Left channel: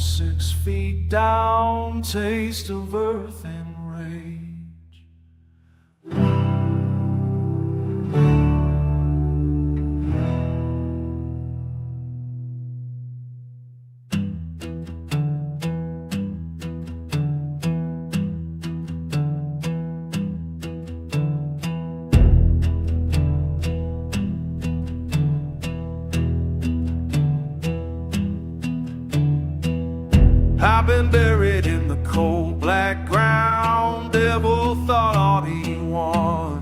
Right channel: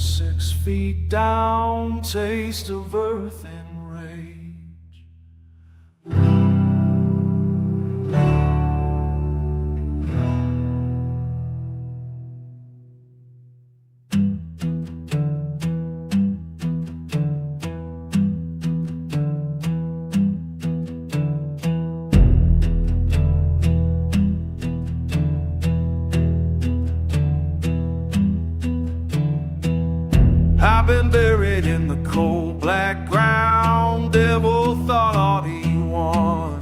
6 feet down, taste of earth and rage. I've been buried in the cold black ground. Devil thought all he won,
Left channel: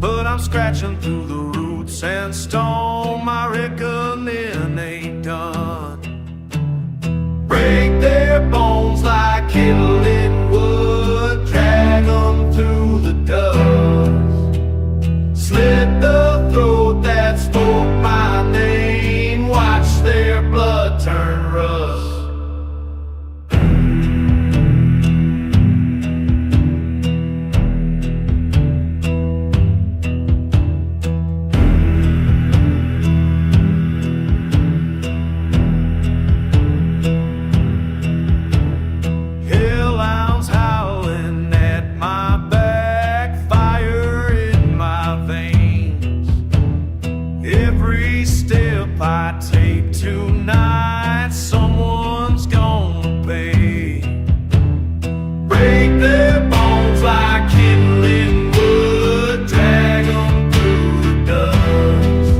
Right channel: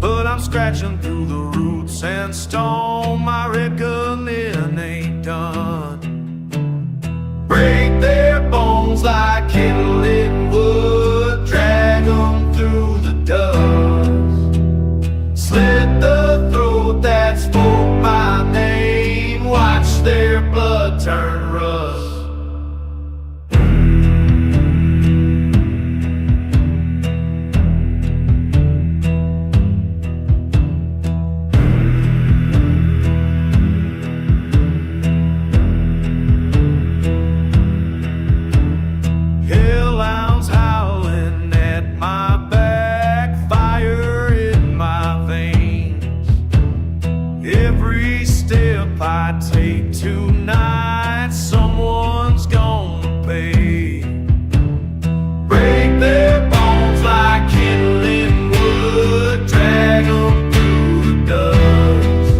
but I'm scratching through the roots and stone. My reckoning ain't done. Break their bones like kindling wood, drag them through the dust, slit the throat that spoke my name, watch their blood turn rust. Hellhounds howling at my back, fire in my veins. Every step I take tonight, someone's gonna pay. Break their bones like kindling wood, drag them through the dust,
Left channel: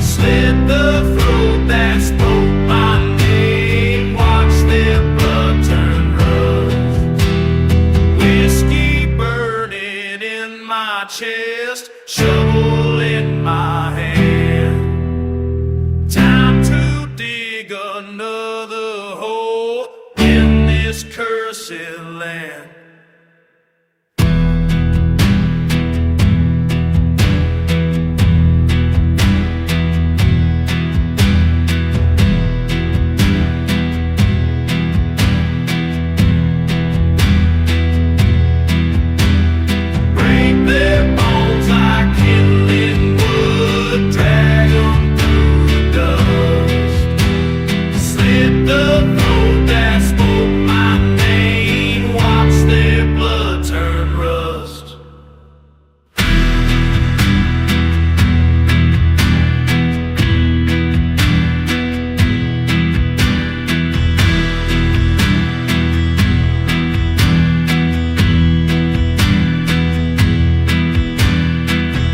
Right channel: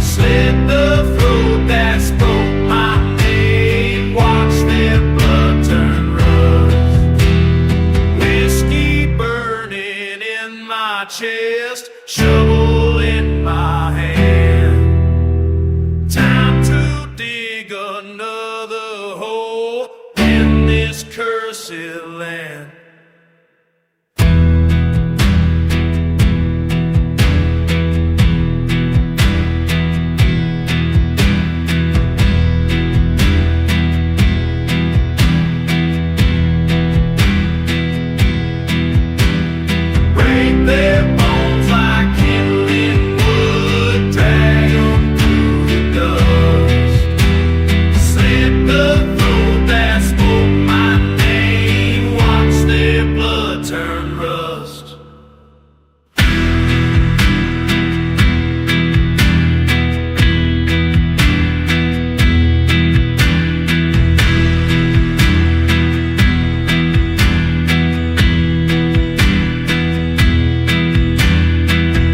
slit the throat that spoke my name, watch their blood turn rust. Whiskey burning in my chest, shovel in my hand. Time to dig another hole in this cursed land. Break their bones like kindling wood, drag them through the dust, slit the throat that spoke my name, watch their blood turn rust.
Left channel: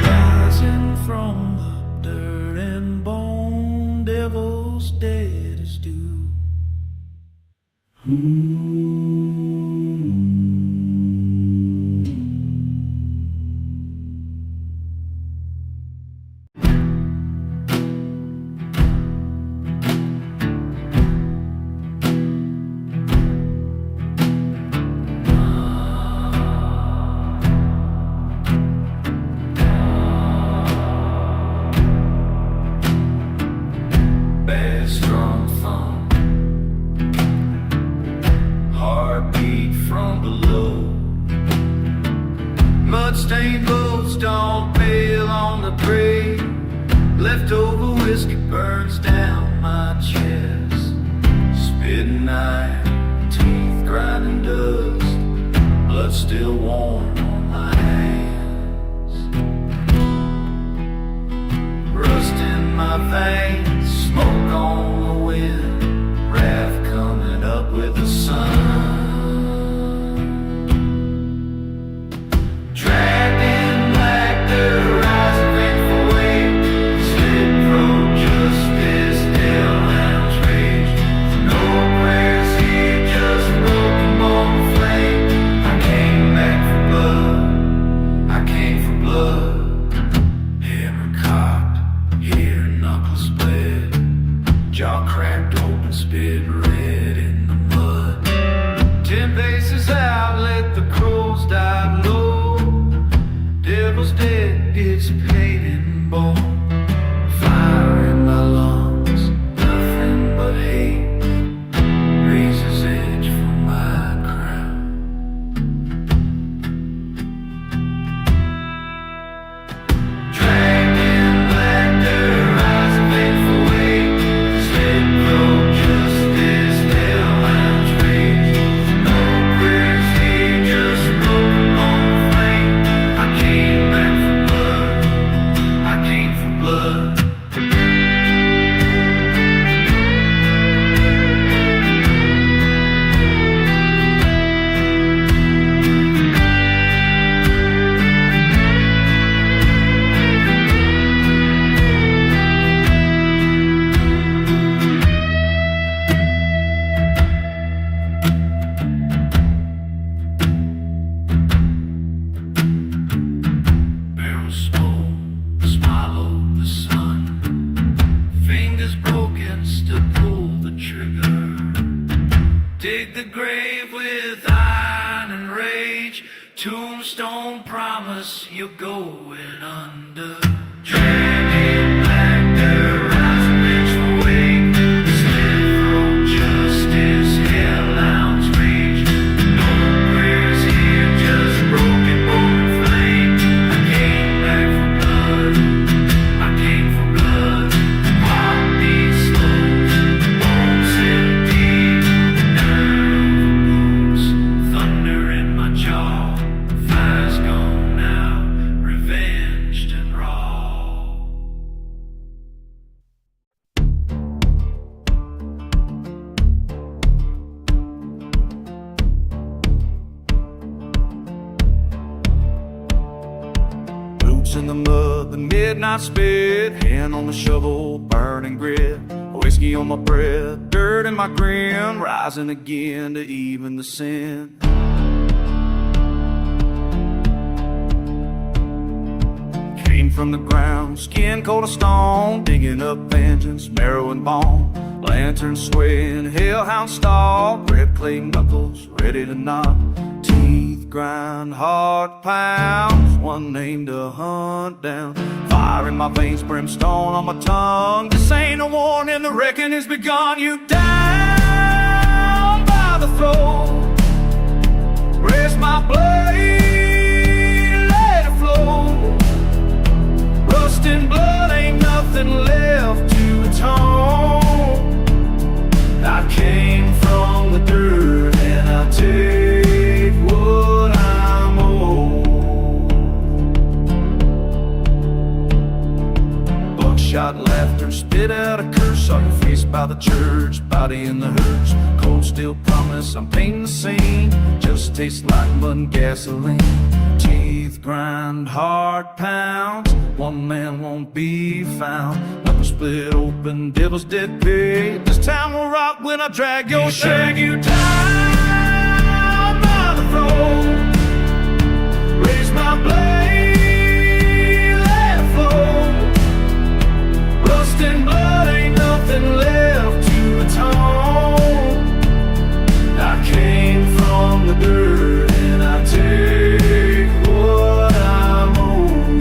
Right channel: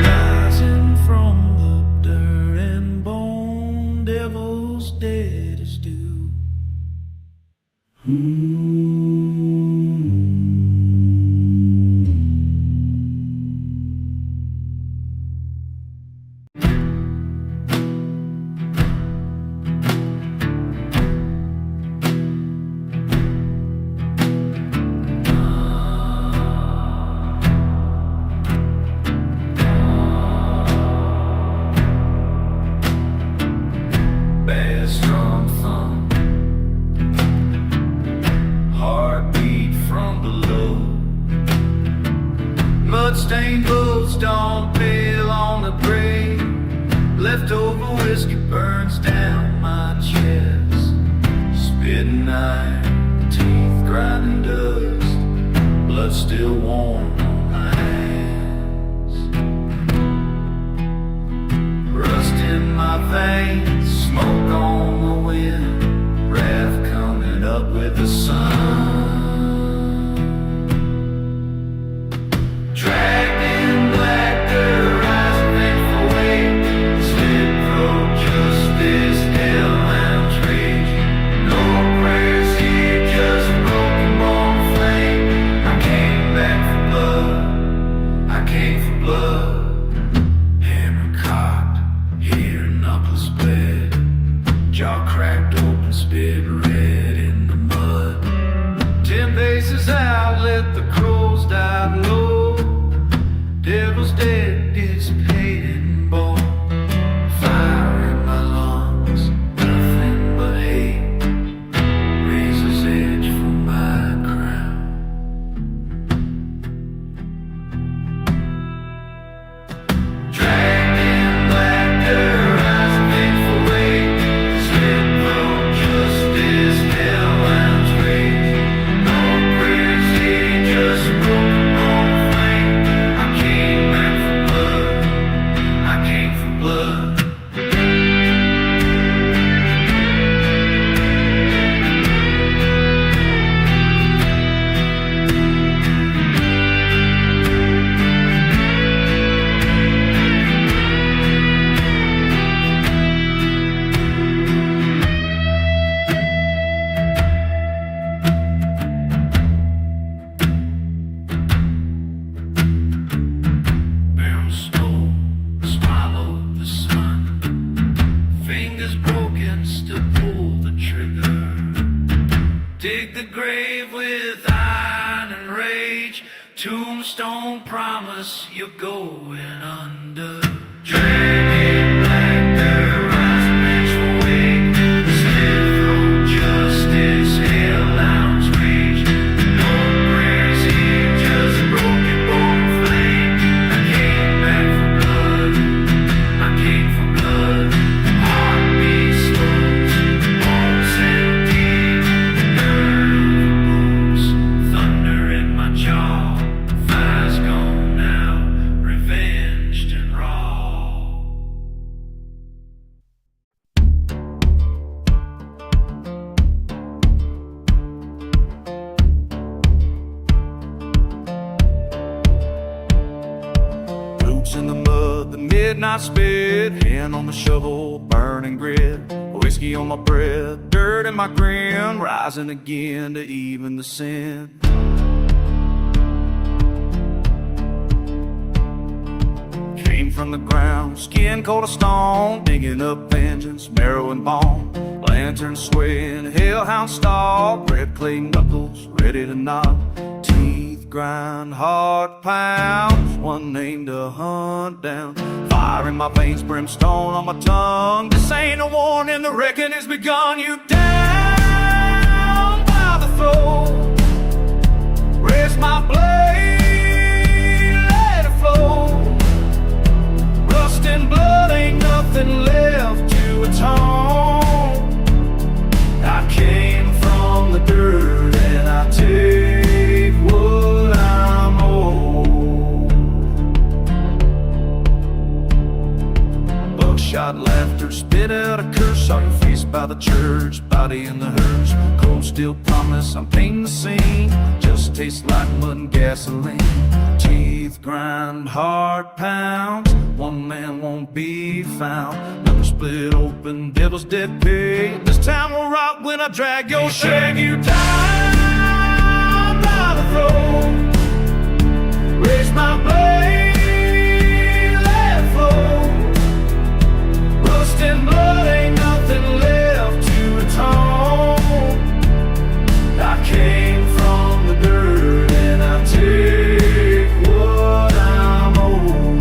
Rising from the dirt and bone, devil's dead as dew. Bass drum thump, heartbeat from below. Mud-stained boats don't bail on the grave. Leftover whiskey burns down my chest. Spitting iron, teeth grinding dust, blood still warm on my hands. Rust in my veins, smoke on the wind, wrath coming up with the sun. Dragged in black dirt, rising vengeful weight, slit throat, justice, hell and rage. No prayers here, just broken bone flame. I came back for blood, I came for blood. Hammer cocked, here knuckles bled, jaw cracked open, spit red in the mud. 10 paces out, let the crows dive low. Devil's dead, it's paying bone. Fire in my lungs, nothing but hate. Razor's edge from my crown. Dragged in black dirt, rising for weight, spit throat. came for blood. Snow, swallow the sun. Fingers broken, still pull the trigger. Dig the grave with iron and rage. Tombstone promise you're going under. Dragging back their eyes and vengeful wake. Slip from justice, hellhounds rage. No prayers here, just broken bone and flame. Came back for blood, I came for blood. Heartbeat slows, bones settle deep. Nerve booms, thunder in my jaw. Fire's gone now, revenged and raw. In the mud, the midnight spit, hand on the shovel, burning grit, whiskey on my breath, dirt in my grin, rising again to even the sin. Came from the ground, skin cold as stone, digging up vengeance, marrow and bone, lantern swaying, hellhound stalk, red clay knuckles, ready to knock. Teeth grind, heart pounds, one name to hunt down. Fire in my veins, brimstone on my tongue. This ain't a warning, the reckoning has begun. You down by the throat, raise my blade, let it flow. Rust and blood, ain't nothing left to atone. I came from the dirt and I take what I'm owed. Buckshot laughter, spit out a curse. Saw your face by the church, body in the hearse. Cold steel promise, I'm painting the scene. Just tastes like mud and gasoline. Teeth grind, heart pounds, one man won't be found. Knuckles split open, devil's dead pig. This town will rock when I drag your shag you down by the throat. Raise my blade, let it flow. Rust and blood, ain't nothing left to atone. I came from the dirt and I take what I'm owed.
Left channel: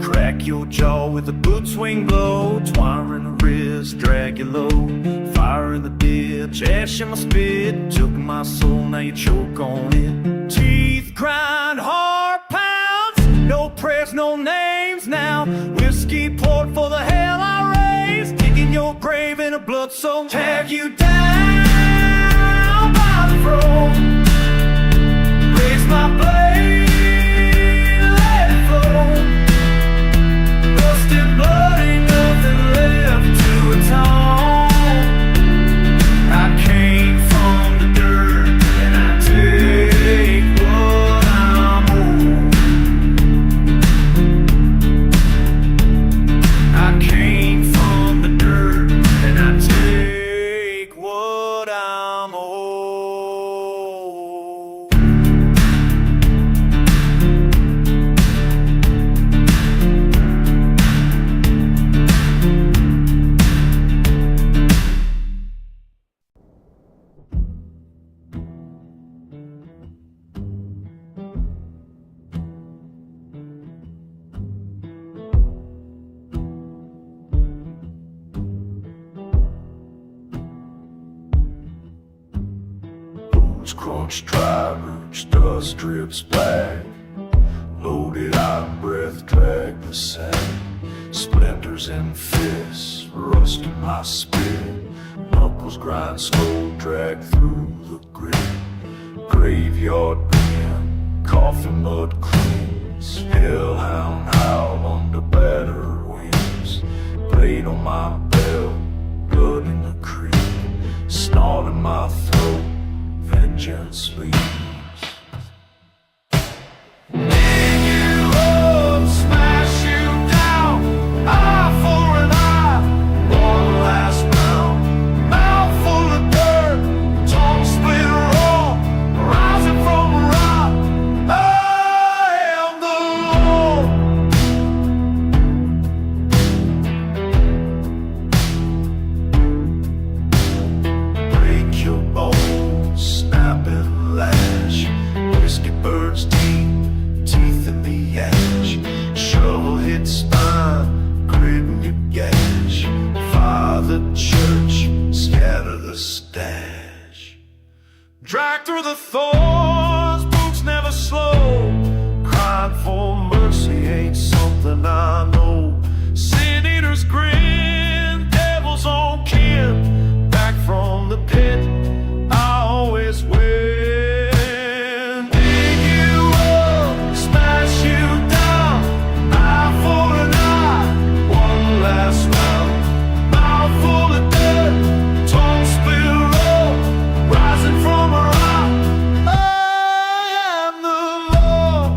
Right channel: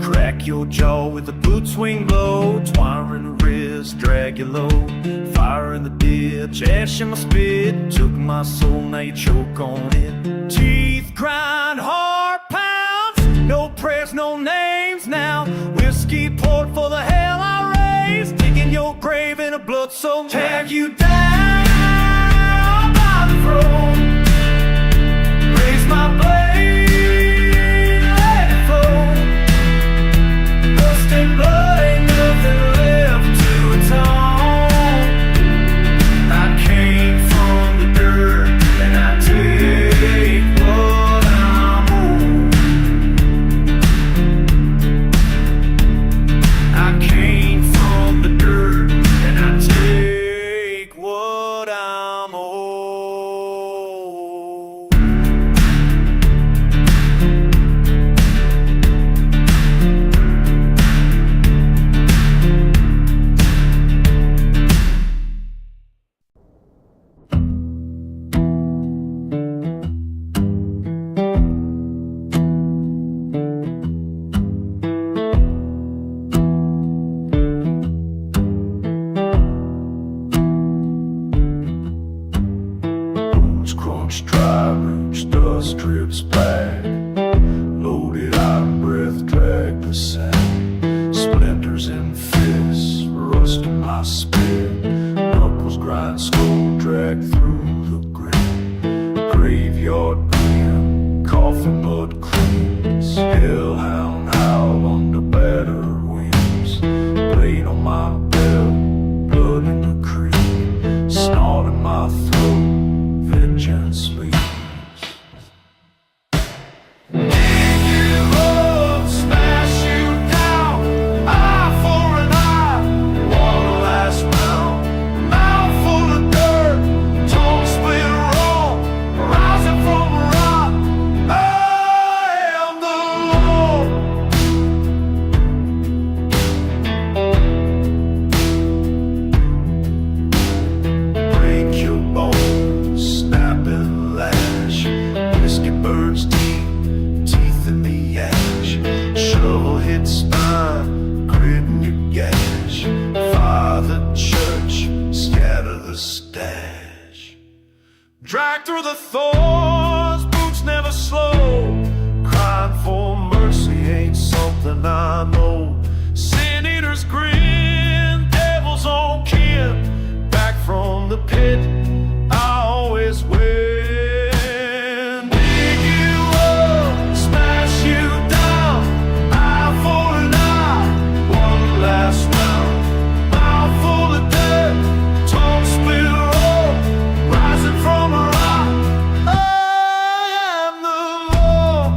Crack your jaw with a boot swing blow. Twire in the wrist, drag you low. Fire in the ditch, ash in my spit. Took my soul, now you choke on it. Teeth grind, heart pounds. No prayers, no names now. Whiskey poured for the hell I raised. Digging your grave in a blood soul. Tag you down by the throat. Raise my blade, let it flow. Rust and blood, ain't nothing left to atone. I came from the dirt and I take what I'm owed. I came from the dirt and I take what I'm owed. orange dust drips black. Loaded out breath drag the sand. Splinters in fists, rust in my spit. Knuckles grind slow, drag through the grit. Graveyard grin, coffin mud cleans. Hellhound howl under battered wings. Blade on my belt, blood in the creek. Snot in my throat, vengeance bleeds. Burns deep, teeth in the ash. Shovel hit spine, grit in your gash. Fire the church, scatter the stash. Drag through the thorns, boots never slow. Crying for mercy ain't something I know. Sin eaters grin, devil's own kin. Back from the pit, I always win. You down, eye for an eye, one last round. Mouth full of dirt, tongue split raw, rising from a rock. I am the law.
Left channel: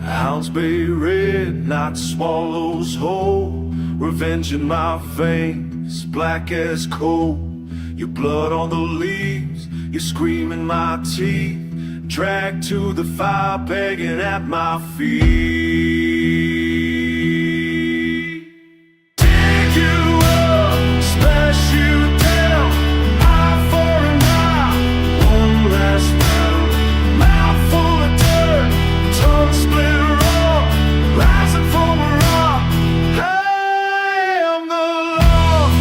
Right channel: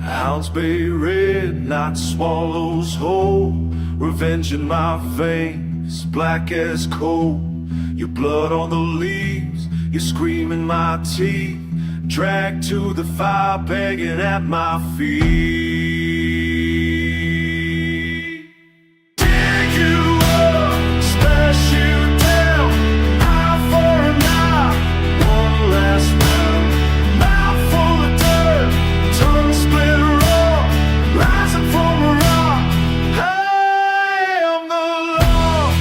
Hounds bay red, night swallows whole. Revenge in my veins, black as coal. Your blood on the leaves, you scream in my teeth. Dragged to the fire, begging at my feet. Dig you up, smash you down. Eye for an eye, one last round. Mouth full of dirt, tongue split raw, rising from a rock. I am the law.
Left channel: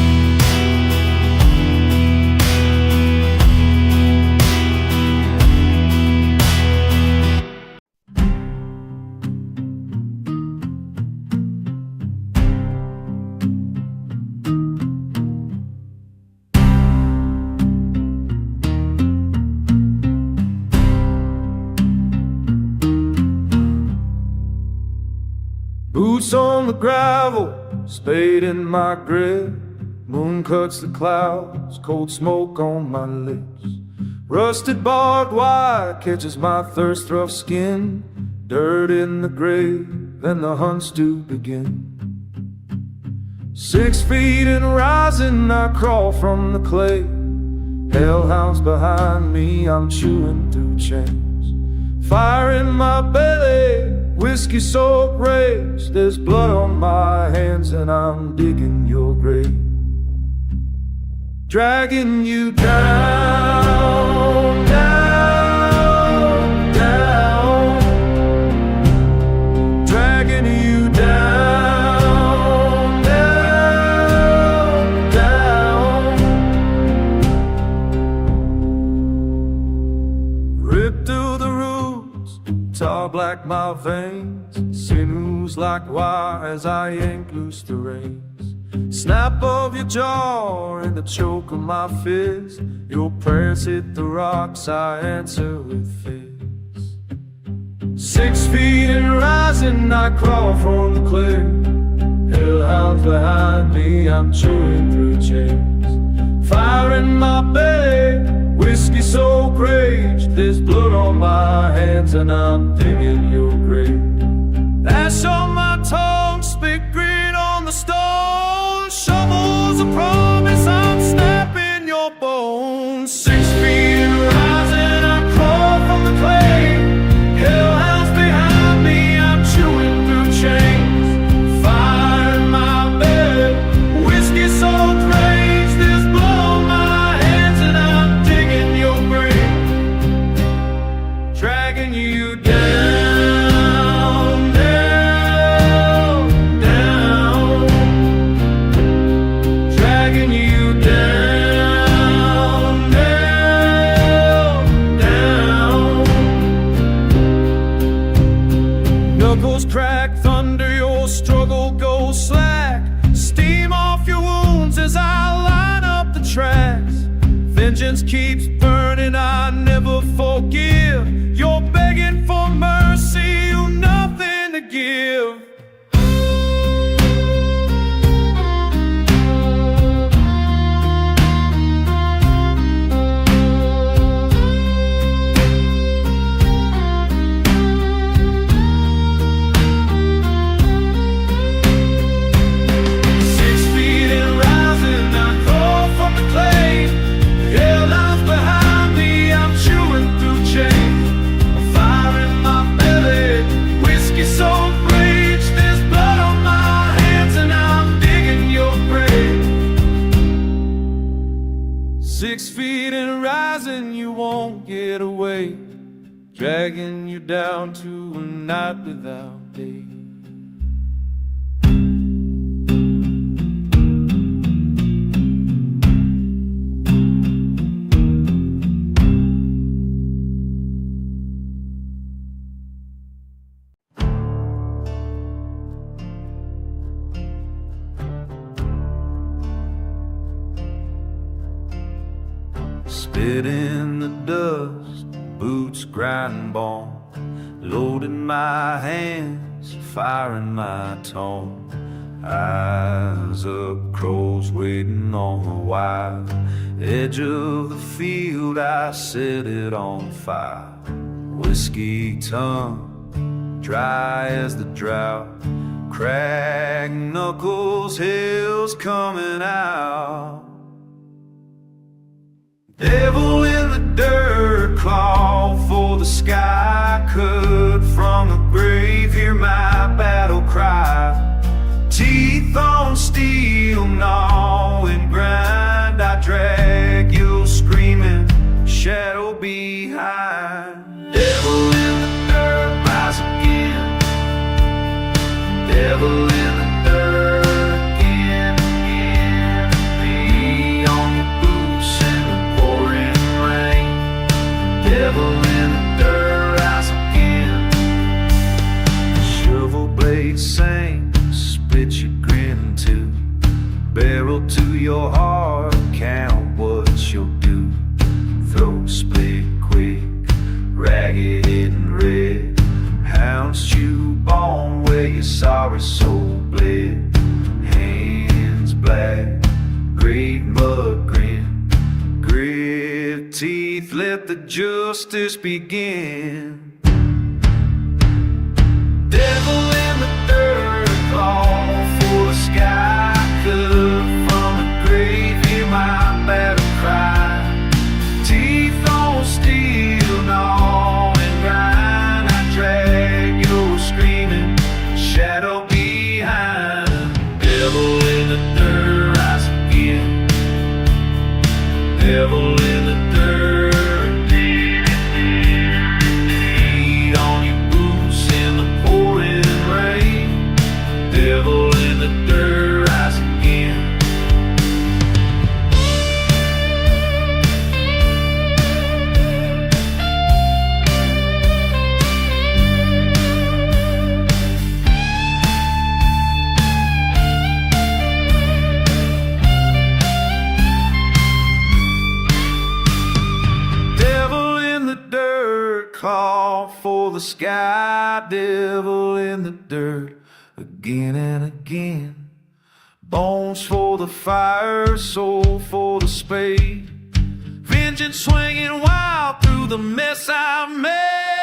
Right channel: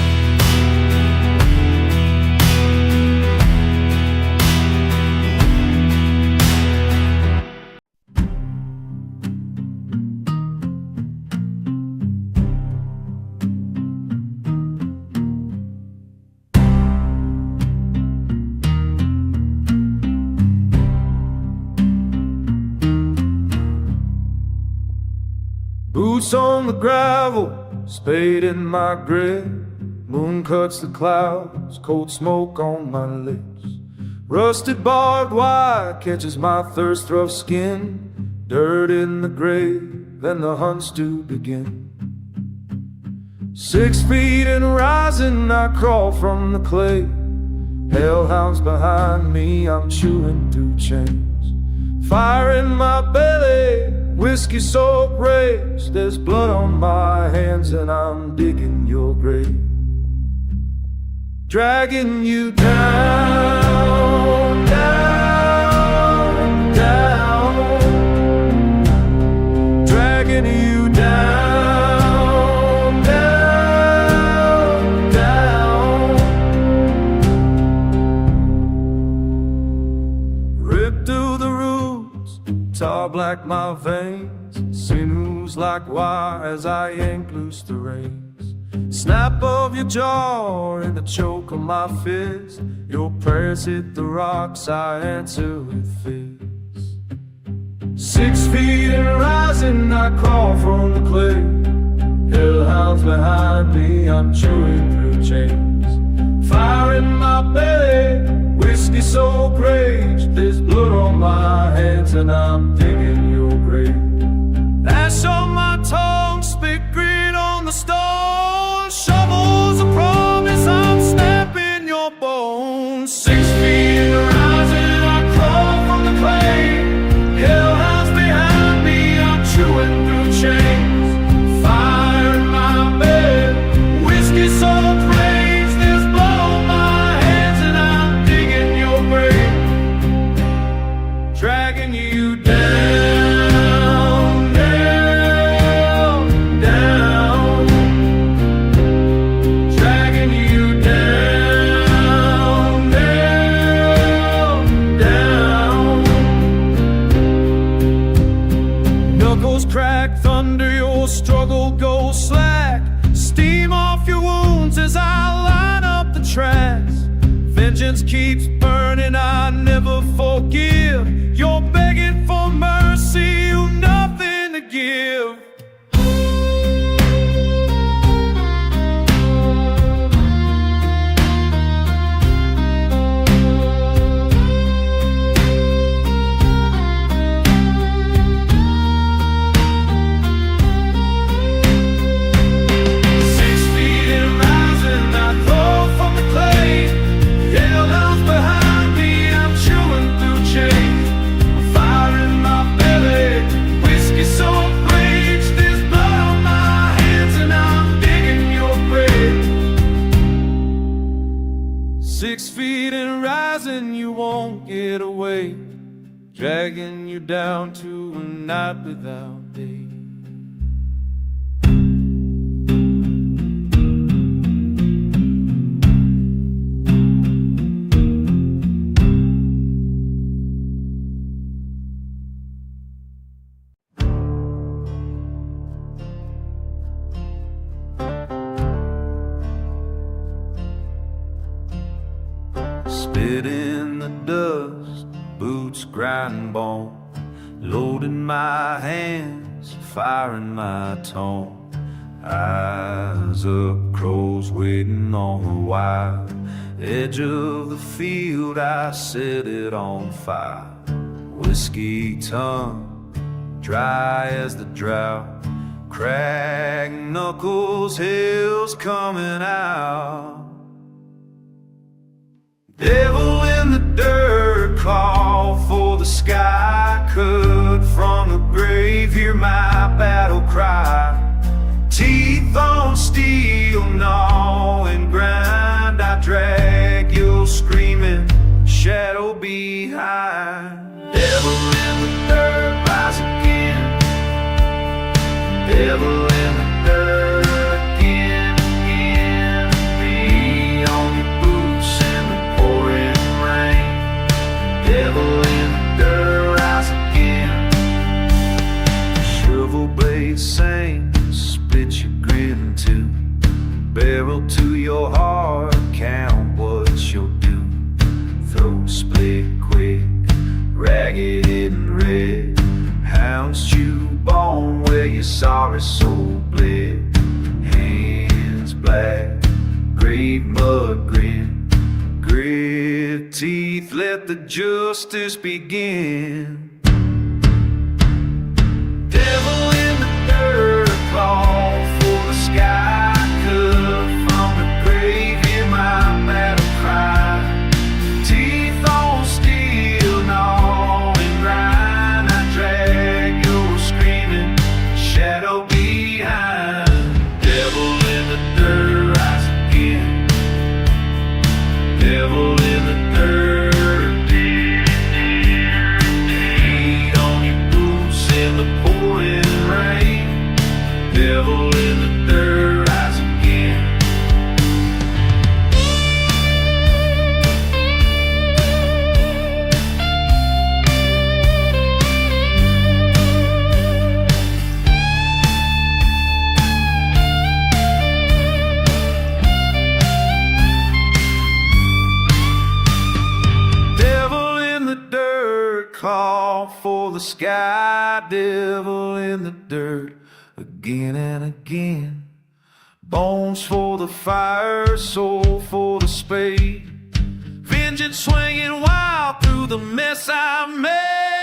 Boots on the gravel, spade in my grip. Moon cuts the clouds, cold smoke on my lips. Rusted barbed wire catches my thirst-rough skin. Dirt in the grave, and the hunts do begin. 6 feet and rising, I crawl from the clay. Hellhounds behind me, I'm chewing through chains. Fire in my belly, whiskey soaked rage. There's blood on my hands and I'm digging your grave. Dragging you down, down, down. Dragging you down, down, down. Ripped through the roots, tar black my veins. Sinews like wire as I yank loose the reins. Snap of your jaw and the choke of my fist. Your prayers hit the rocks, I answer with fists. 6 feet and rising, I crawl from the clay. Hellhounds behind me, I'm chewing through chains. Fire in my belly, whiskey soaked rage. There's blood on my hands and I'm digging your grave. Ash on my tongue, spit grit on the stone. Shovels a promise, I'm snapping your bones. 6 feet and rising, dragging you down, down, down, dragging you down, down, down. Knuckles crack, thunder, your struggle goes slack. Steam off your wounds as I line up the tracks. Vengeance keeps burning, I never forgive. You're begging for mercy, you've nothing to give. 6 feet and rising, I crawl from the clay. Hellhounds behind me, I'm chewing through chains. I'm fire in my belly, whiskey-soaked rage. There's blood on my hands and I'm digging your grave. 6 feet and rising, you won't get away. Dragging you down to a night without day. Spit in the dust, boots grind bone, loading my hands, firing my tone. Eyes up, crows waiting on the wire. Edge of the field, I set it on fire. Whiskey tongue, dry as the drought. Cracked knuckles, hell's coming out. Devil in the dirt, claw for the sky. Cut from the grave, hear my battle cry. Teeth on steel, gnaw and grind. I drag you screaming, shadow behind. Devil in the dirt, rise again. Devil in the dirt. Shovel blade sing, split your grin too. Barrel to your heart, count what you'll do. Throat split quick, ragged and red. Hounds chew bone where your sorry soul bled. Hands black, grave mud grin. Grit teeth, let the justice begin. Devil in the dirt, claw for the sky. Cut from the grave, hear my battle cry. Teeth on steel, gnaw and grind. I drag your screaming, shadow behind. Devil in the dirt, rise again. Devil in the dirt. Rain, devil in the dirt, rise again. Devil in the dirt, call for the sky. Devil in the dirt, again and again. Bones for the fire, soul for the spade. Vengeance swinging wild through the mess I made.